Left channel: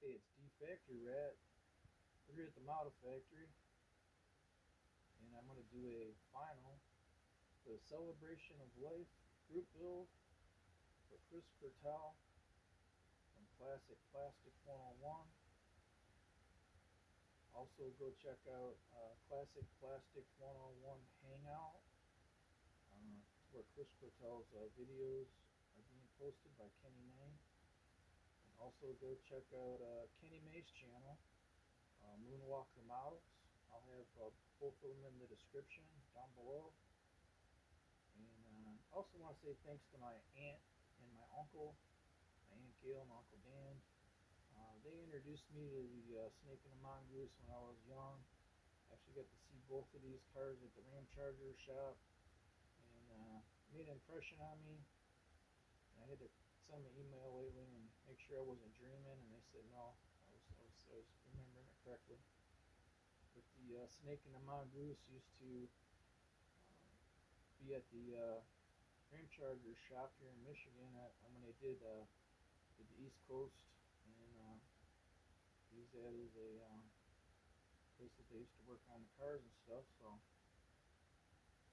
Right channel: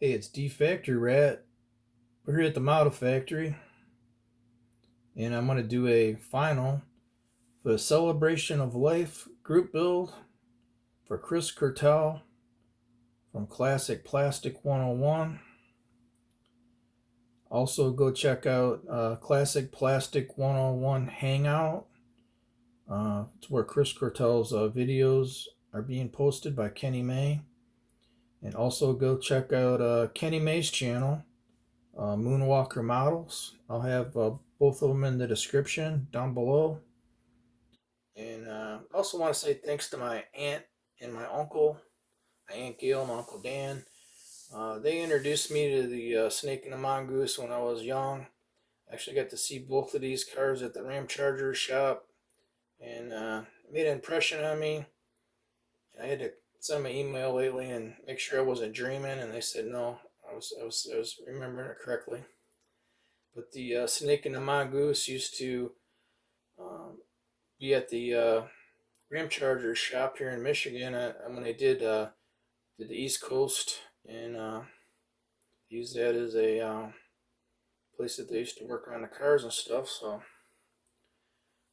Hey, it's D Factory Rat. We're here at the model factory, and I'm going to do a final for the Celebration of Life group build for Chris Cortel from Classic Plastic 101. Also, go check out Classic Plastic 101 Hangout. It's where Chris Cortel's videos are being posted by Kenny May. And also, go check out Kenny May's channel, Moonwalker Models. I'll have both of them in the description down below. And I also want to say thanks to my aunt and my uncle, my Aunt Gail and my Uncle Dan. They introduced me to the Snake and the Mongoose when I was young. I actually got to see both of these cars at the Ram Charger shop, and made an impression on me. I had to send them an email lately and make sure I wasn't dreaming, and they said no, I was remembering it correctly. But the Snake and the Mongoose used to be at the Ram Charger shop here in Michigan when they did the East Coast, and used that as a place that they used to work on the cars and stuff. So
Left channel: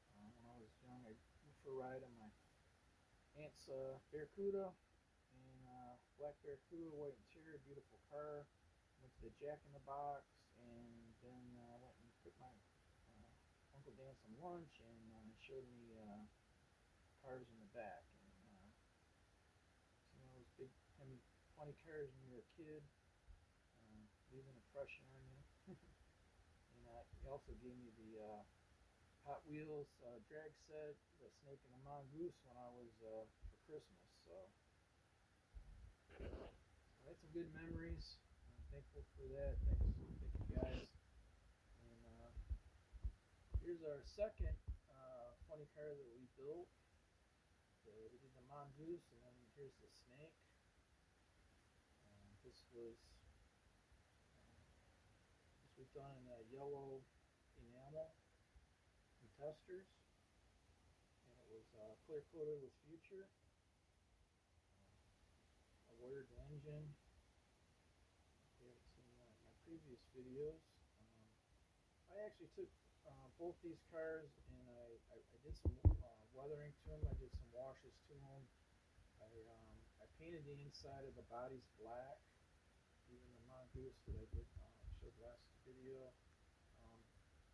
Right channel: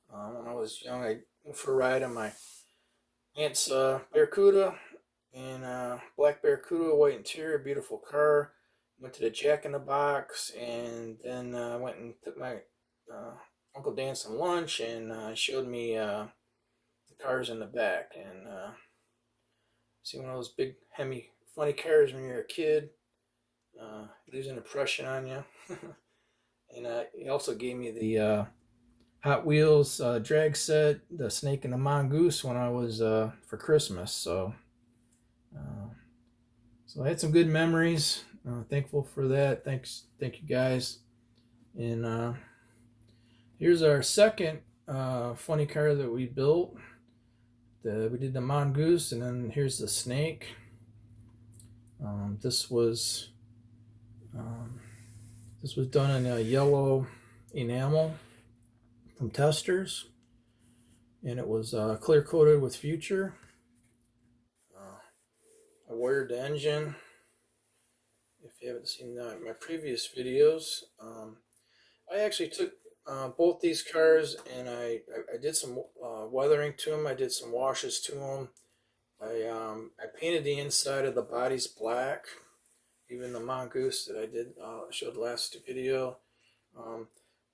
when I was young, I went for a ride on my aunt's Barracuda, and black Barracuda, white interior, beautiful car. Went to the Jack in the Box, and then went and took my Uncle Dan some lunch, and showed me the cars in the back. And see, one of those big, Hemi, funny cars when you're a kid, leaves an impression on you. And he also gave me the Hot Wheels drag set, the Snake and the Mongoose, when I was for Christmas. So I had some good memories. Thankful for that. Thank you guys. And here's our second funny car that we built. We did the Mongoose, and then here's the Snake. This was done in a yellow enamel from Testers, and it was clear coated with Future. I wired the engine. If you haven't seen my previous videos, I actually took both these cars, and I did some weathering to them. I did some washes to them. I painted the inside of the bodies black. Even the Mongoose that I did showed last video.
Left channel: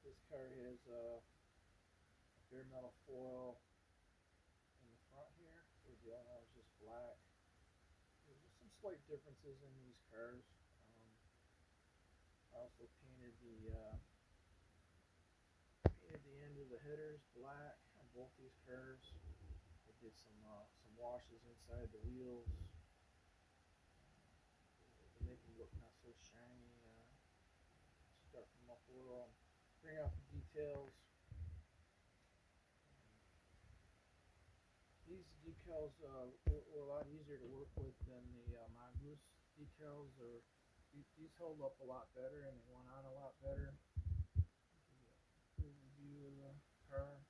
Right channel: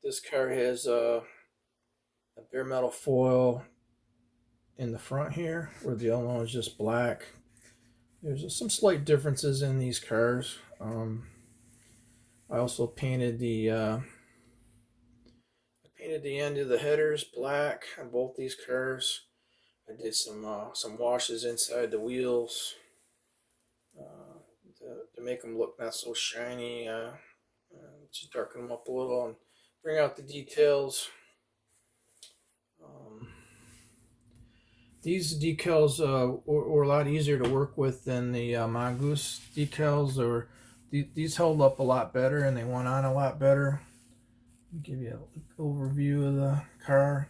This car has a bare metal foil in the front here, where the other one was just black. There's some slight differences in these cars. I also painted the end of the headers black on both these cars. I did some washes inside the wheels to make them look not so shiny. Just darken them up a little and bring out the details. These decals were a lot easier to work with than the Mongoose decals. These held up a lot better, and they went on a lot better. I'll give you an overview of the car.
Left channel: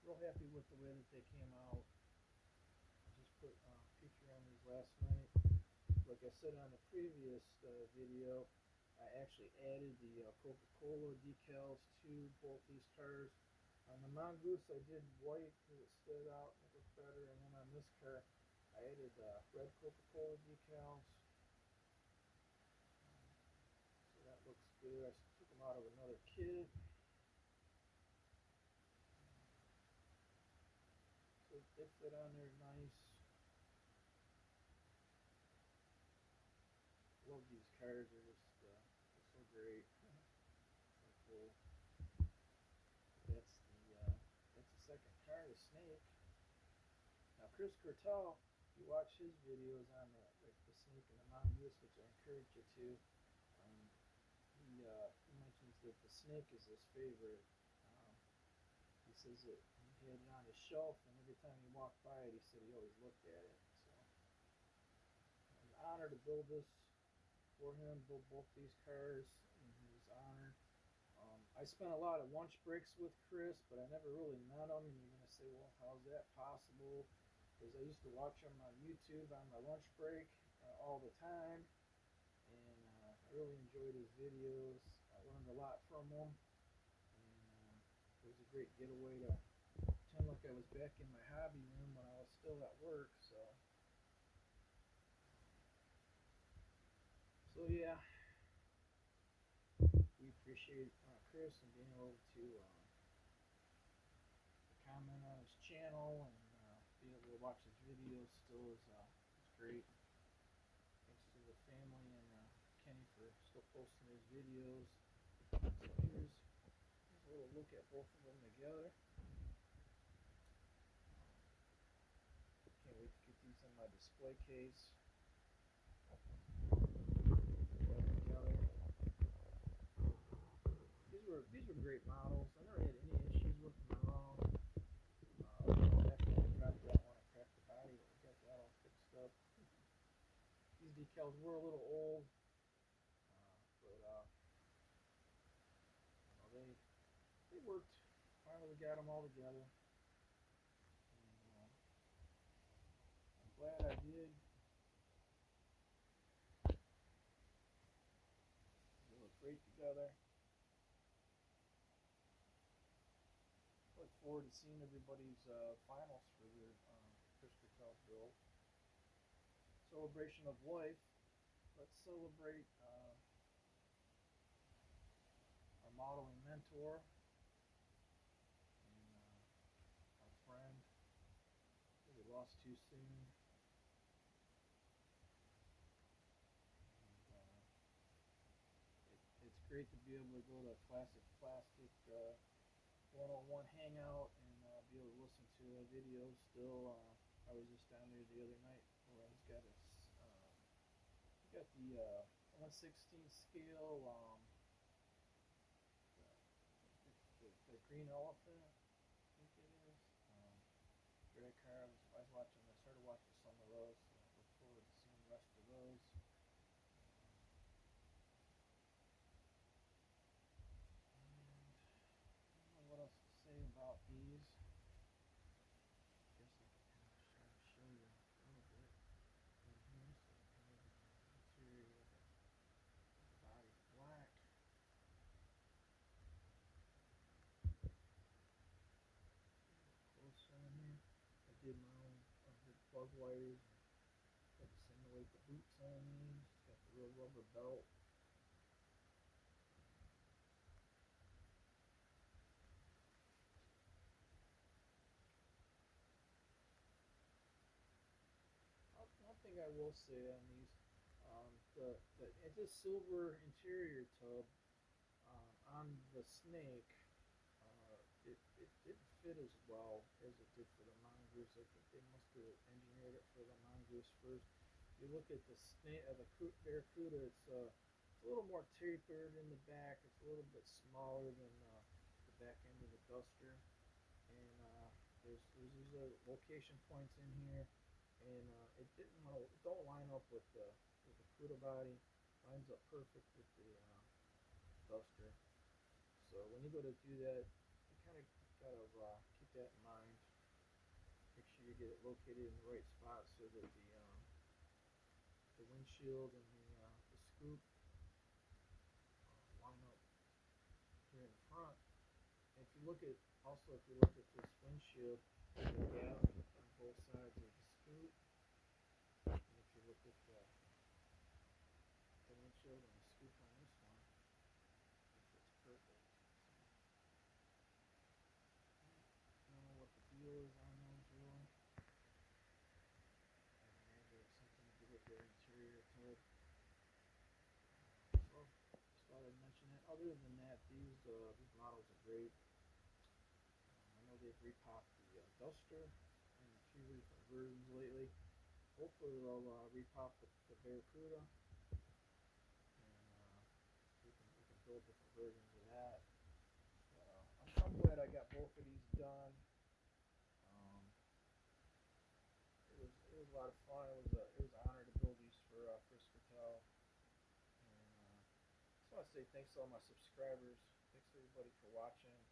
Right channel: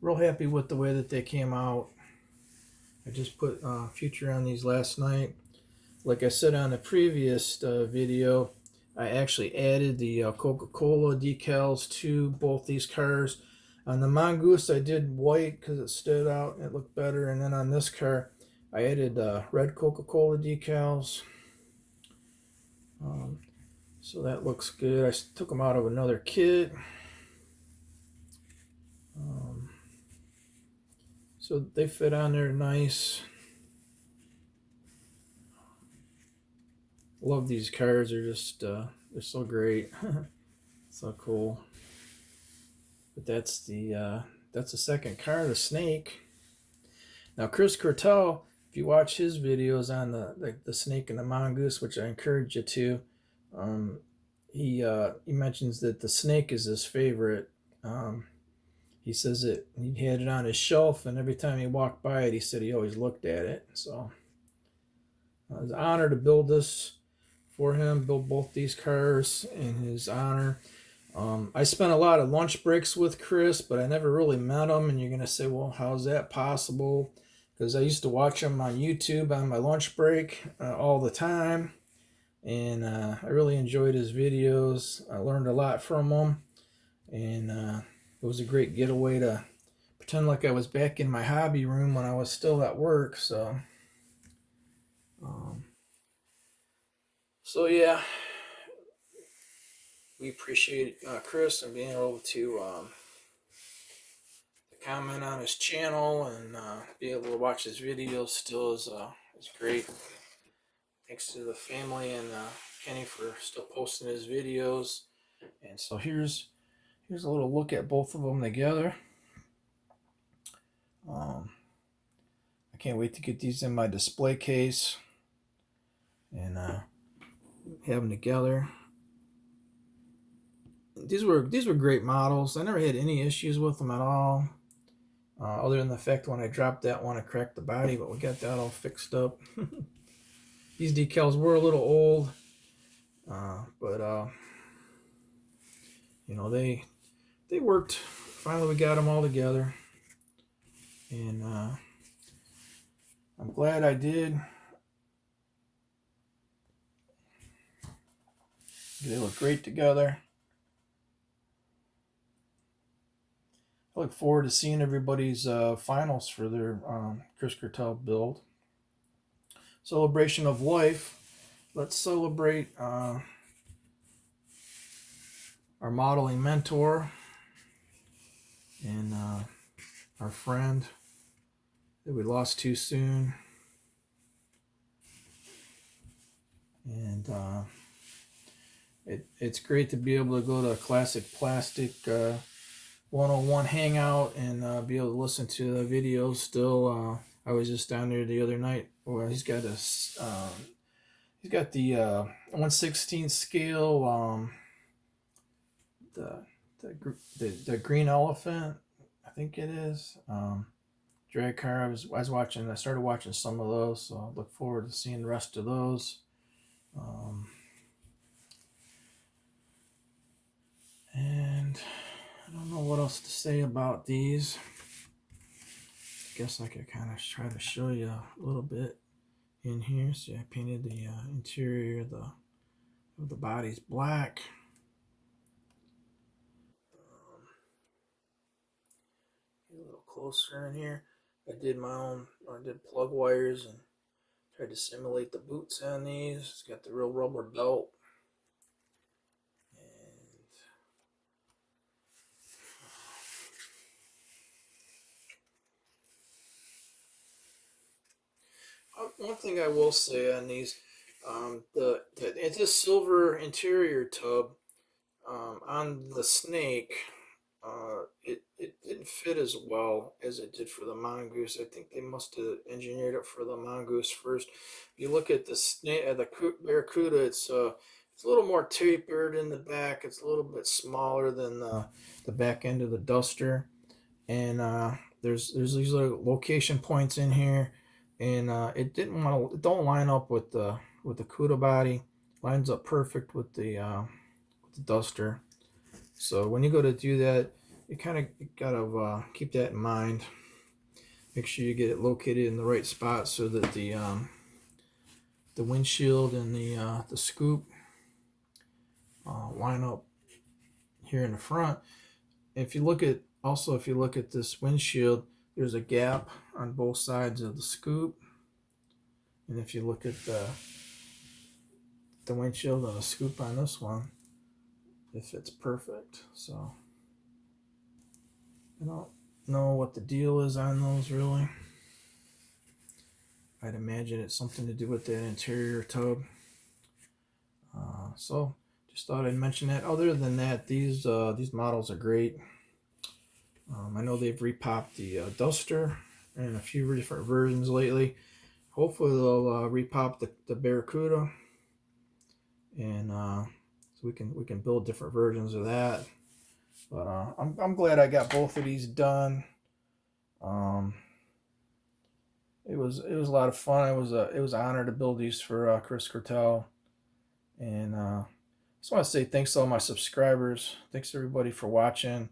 Real happy with the way that they came out. I just put Future on these last night. Like I said on the previous video, I actually added the Coca-Cola decals to both these cars. On the Mongoose, I did white because it stood out and it looked better. And then on this car, I added red Coca-Cola decals. So that looks good. I took them out of another kit. So they fit on there nice. Love these cars. They're just they're so great. So cool. But that's the second car, the Snake. Now Chris Cortel, if you watch his videos on the Snake and the Mongoose, which I encourage you to, he mentions that the Snake is his favorite. He says that he had it on his shelf, and every time he walked by it, he said he always looked at it. So it was an honor to build this for him, build both these cars in his honor. I spent a lot of lunch breaks with Chris, but I never really met him. And you're going to say, well, how's that possible? Because I used to watch him on YouTube on my lunch break all the time. and I really enjoyed his videos. I learned a lot from him, and it was a great getaway to pretend like I was back in my hobby room when I was still at work. Um, so yeah, we appreciate Chris and being able to comment on his channel and be able to watch his videos. Still is great. Thanks to the family and Kenny for still posting his videos. And so here's a little look at both of them together. I can't wait to get these in my display case and have them together. These were great models. I never had any issues with them at all, other than the fact when I dropped that one, I cracked the body, but we got that all fixed up. These decals were a little old, but you know they worked. Finally, we got them all together, and I'm glad I did. They look great together. I look forward to seeing everybody's finals for their Chris Cartel build. Celebration of life. Let's celebrate our modeling mentor and our friend that we lost too soon. And it's great to be able to go to a Classic Plastic 101 hangout and be able to listen to the videos still. I was just down there the other night. Well, he's got the 1/16 scale, the green elephant, I think it is. Drag car. I started watching some of those, so I look forward to seeing the rest of those. And I don't know what else to say about these. I guess I could kind of try to show you a little bit in here. See, I painted the interior of the bodies black. Get a little closer in here. I did plug wires and tried to simulate the boots on these. It's got the real rubber belt. One thing I will say on these, it's a silver interior tub on the snake. It didn't fit as well as it did for the mongoose. I think they must have engineered it for the mongoose first. If you look at the snake, the barracuda, it's a little more tapered in the back. It's a little bit smaller than the back end of the duster, and there's these little location points in here, and it don't line up with the Cuda body. Lines up perfect with the duster. So when you go to do that, you kind of gotta keep that in mind. Make sure you get it located in the right spot so that the windshield and the scoop line up here in the front. If you look at this windshield, there's a gap on both sides of the scoop, and if you look at the windshield and the scoop on this one, it fits perfect. So I don't know what the deal is on those really. I'd imagine it's something to do with that interior tub. So just thought I'd mention that. Other than that, these models are great. I know they've repopped the Duster in a few different versions lately. Hopefully they'll repop the Barracuda, and so we can build different versions of that. But I'm glad I got both of these done. It was a lot of fun. It was an honor to build these for Chris Cortel, and I just want to say thanks to all my subscribers. Thanks everybody for watching.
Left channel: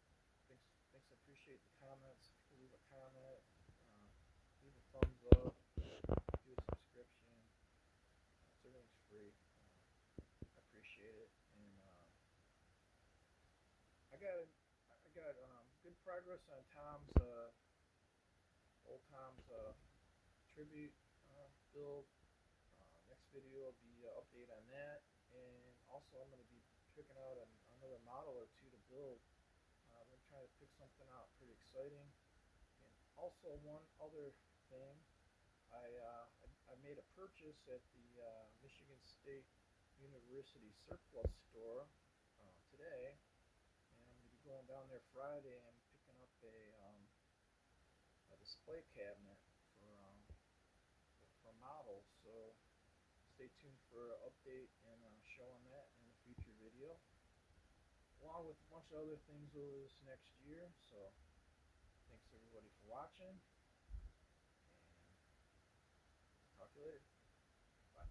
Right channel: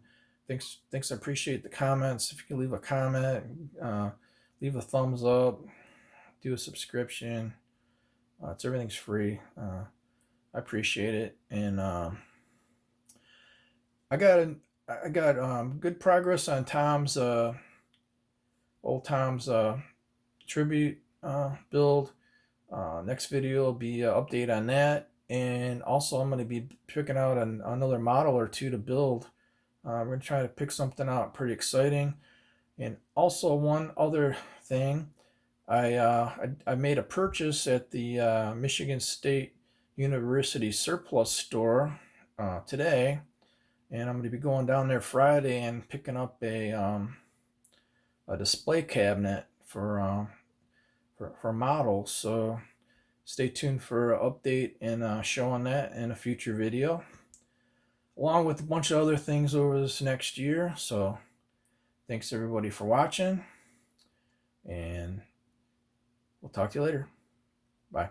Thanks. I appreciate the comments. If you can leave a comment, leave a thumbs up, do a subscription. Everything's free. I appreciate it. And I got good progress on Tom's old Tom's tribute build. Next video will be an update on that, and also I'm going to be picking out another model or two to build. We're going to try to pick something out pretty exciting. And also one other thing, I made a purchase at the Michigan State University surplus store today, and I'm going to be going down there Friday and picking up a display cabinet for models. So stay tuned for an update and showing that in a future video, along with a bunch of other things over this next year. So thanks everybody for watching, and we'll talk to you later. Bye.